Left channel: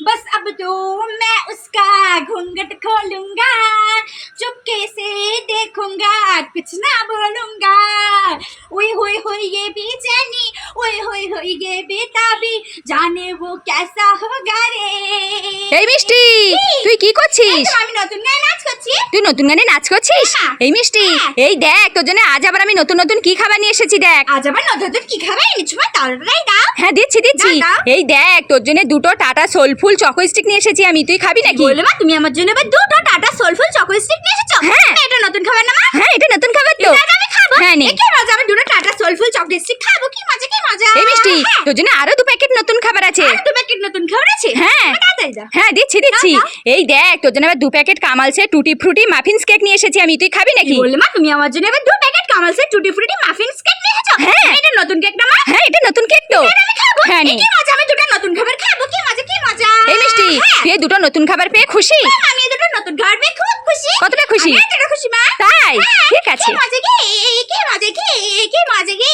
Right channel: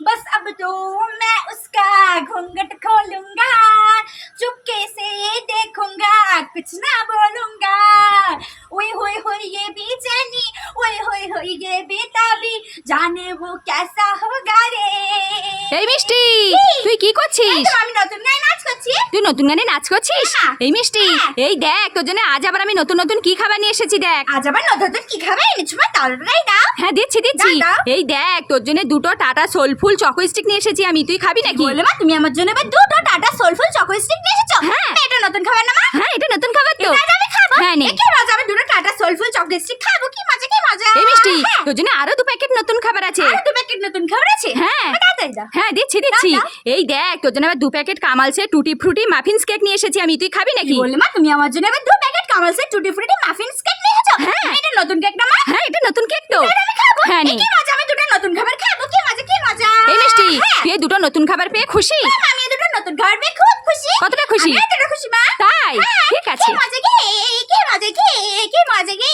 बस अब तो मैं उसका घूंघट खोलूंगा चुपके से देखूंगा कुछ ना बोलूंगा ओए होए होए ये बेचैनी ओए होए होए ये बेताबी जाने वो कैसा होगा रे এই মিষ্টি তুই কি করছিস আমি নতুন গায়ে নাচ করছি তুই নতুন গানে নাচ করছিস? হ্যাঁ। এই মিষ্টি হ্যাঁ। এই দেখ তোর জন্য আজ আবার আমি নতুন নতুন কি খাবার নিয়ে এসেছি দেখ। আজ আবার নতুন নতুন কি খাবে? এনেছো মা তাড়াতাড়ি দাও। হ্যাঁ দিচ্ছি দিচ্ছি। এই দেখ তোর জন্য দুটো টাটা সোলফুল চকো স্টিক নিয়ে এসেছি আমি। তুই খাবি নাকি? বলে মা তুমি আমার জন্য দুটো টাটা সোলফুল চকোলেট স্টিক নিয়ে এসেছ? হ্যাঁ। এটা নতুন খাবার না মা? হ্যাঁ এটা নতুন খাবার তো। আমি খাব। হ্যাঁ নে। কি মজা আমি দুটো টাটা সোলফুল চকলেট স্টিক খাব কি এই মিষ্টি হ্যাঁ। তোর জন্য আরও দু প্যাকেট নতুন খাবার আছে। আর দু প্যাকেট নতুন খাবার আছে? হ্যাঁ। হ্যাঁ দিচ্ছি দিচ্ছি। এই দেখ তোর জন্য আবার দু প্যাকেট কামালসে টুটি ফ্রুটি মাফিনস কেক নিয়ে এসেছি আমি। তুই খাবি নাকি? বললে মা? তুমি আমার জন্য এবার দু প্যাকেট কামালসের টুটি ফ্রুটি মাফিনস কেক নিয়ে এসেছ? হ্যাঁ। এটা নতুন কেক না মা? হ্যাঁ এটা নতুন কেক তো। হ্যাঁ নে। মজা? আমি দুটো নতুন খাবার খাব। কি মজা কি মজা? এই মিষ্টি হ্যাঁ। তুই দুটো নতুন খাবার পেয়ে খুশি? আমি দুটো নতুন খাবার পেয়ে খুব খুশি। কতটা খুশি? আমি খুশি মা। তাই? হ্যাঁ, ঠিক কি আছে মজা কি কি মজা কি কি মজা কি?